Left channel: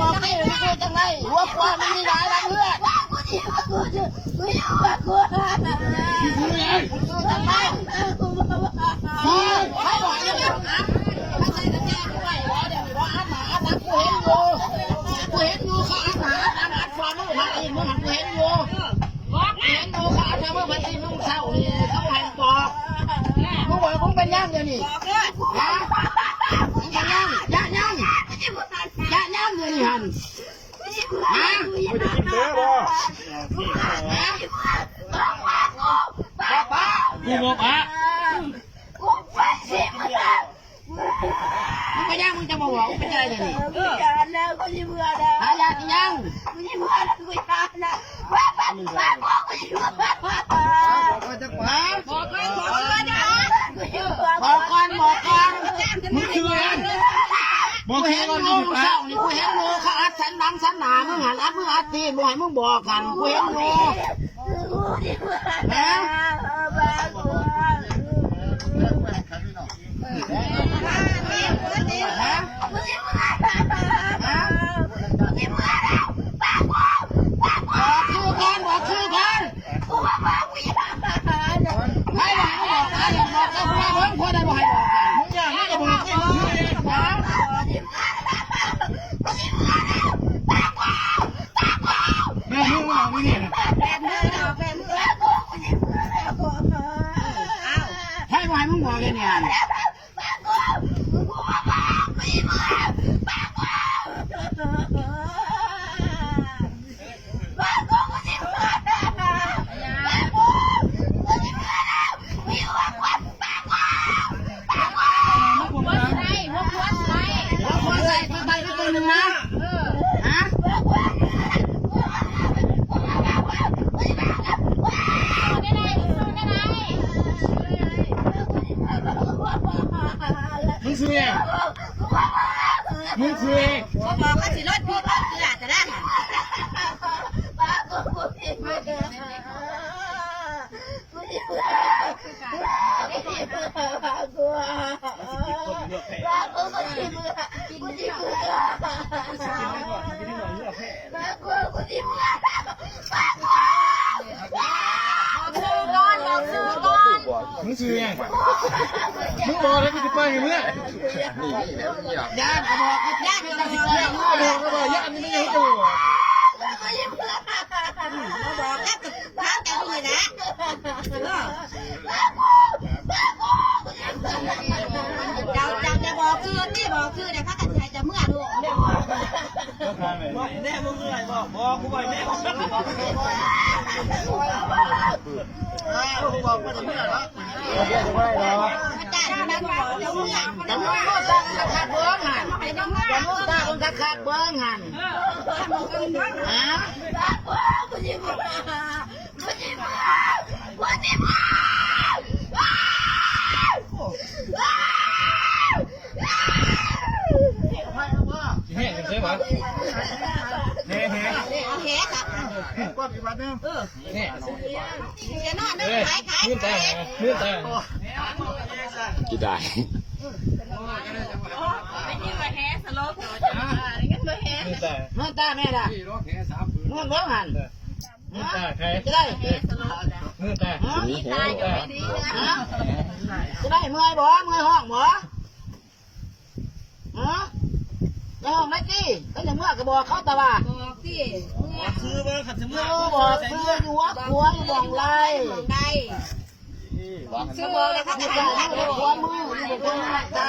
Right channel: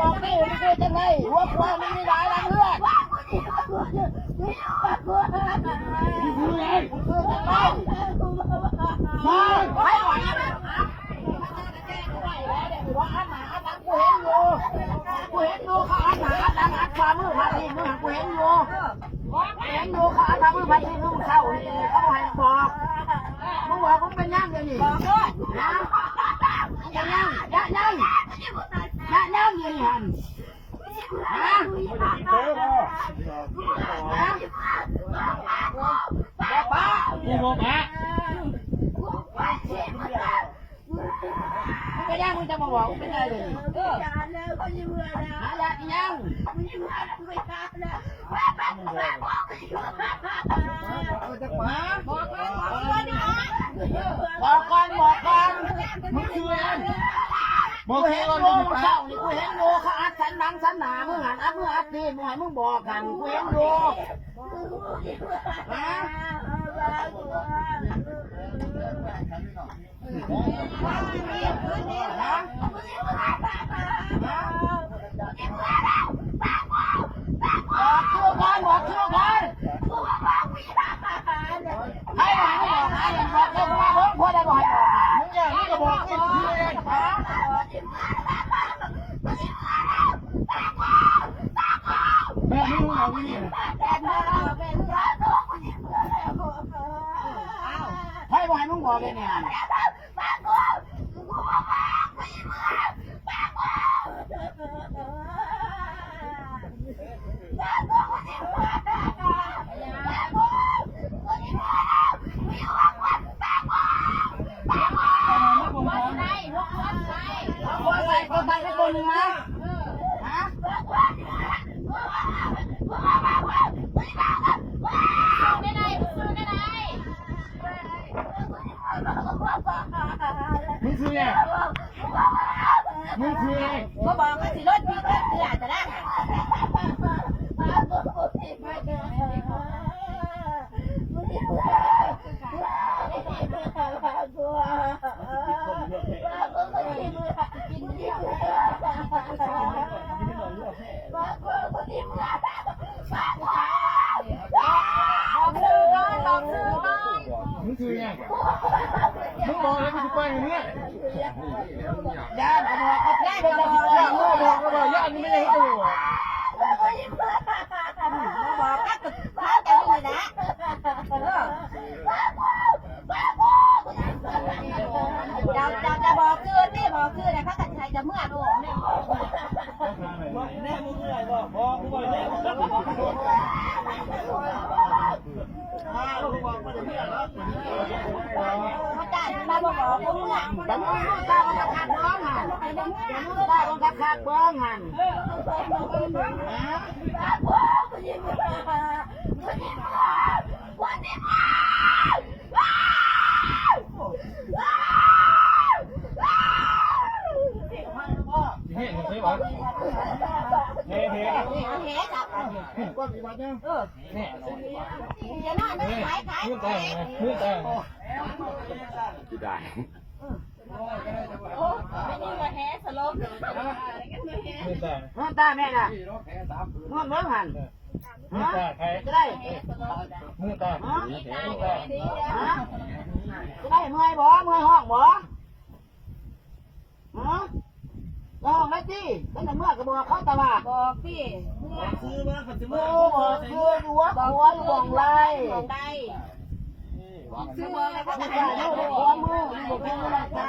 บอกนี่ไม่เคยจังไรหัวควายมันมีหลายรังเลือดคือไงคือจังไรให้บอกนะว่าอัดหนาอัดหลังกูเห็นอยู่เขาอัดหนาอัดหลังอัดฝ่ามือพัดอีกมึงกูเห็นอยู่เขาอัดฝ่ามือพัดอีกมึงเศร้านี่เขาบอกให้บอกมึงบอกมึงเป็นยังเดี๋ยวนี้นะมึงเป็นยังยะยังเดี๋ยวนี้ฮันฮะไม่ได้กินเต้บ่บอกป้ากูบอกป้ามึงเป็นยังมึงจะมาบอกมึงเป็นอะไรเดี๋ยวนี้หายากินยังบอกก่อนมึงคืออะไรกูเห็นโยมึงเศร้านี่กูเห็นโยเขาอัดสันหลังสันหนามึงหันอัดมึงอัดตีนมึงให้มึงบอกกันกูเห็นโยนะบอกชื่อก่อนให้บอกให้บอกนะอย่าบอกแล้วว่าเพิ่งพอได้บอกให้บอกกันมึงอย่างนี้ก็บอกให้มึงชื่อเองแม่มึงเอาไม่นี่ให้บอกให้มึงบอกเลยเนี่ยหัวใส่ตัวใส่ไปตัวหนึ่งนะฮะมึงซื้อยังมึงซื้อเขาบอกว่าสิรถพี่ก็คืออาจจะได้มึงซื้อยังมึงบอกแล้วกูจะไปไงเมื่อญาติก็บอกญาติเป็นตาสิบญาติมึงบอกก็บอกญาตินี่ไม่ได้ดูบอกก็ตึกพักกันอยู่นะจะบอกคือที่บอกคือเนี่ยเขากันใช้จะเมื่อดูแน่มึงเมื่อไหร่บอกกูไปแน่บอกมาถึงเมื่อแล้วอาจารย์นะบอกเดี๋ยวเมื่อแต่มึงก็ตาคนขาดเบื้องหันแต่มึงตาคนขาดเบื้องหันฮะเฮ้ยใช่ไหมเฮ้เฮ้กับก้อนกี่บาทเนี่ยเนี่ยจะนอนนึกขายมือแต่มือแต่กี่ได้ไม่ยิ่งกว่าแฮสโลปอะไรกันเลยแฮมือแต่มึงตาแม่ด่ะมึงเบื้องหันมือแต่ใครจะได้มือแต่มีตายก็ไม่ดีนะจะได้เมื่อยบ่เมื่อยห้องบ่ฮะห้องไหนจี้ก็จะเมื่อก็บอกเขาแต่ว่าบอกสิเมื่อซื้อมาขัดซื้อมาบอกซื้ออยู่วัดหัวอยู่บ่องไรซื้อบอกเลยค่ะ หัวมืออยู่บ่องไรจ้า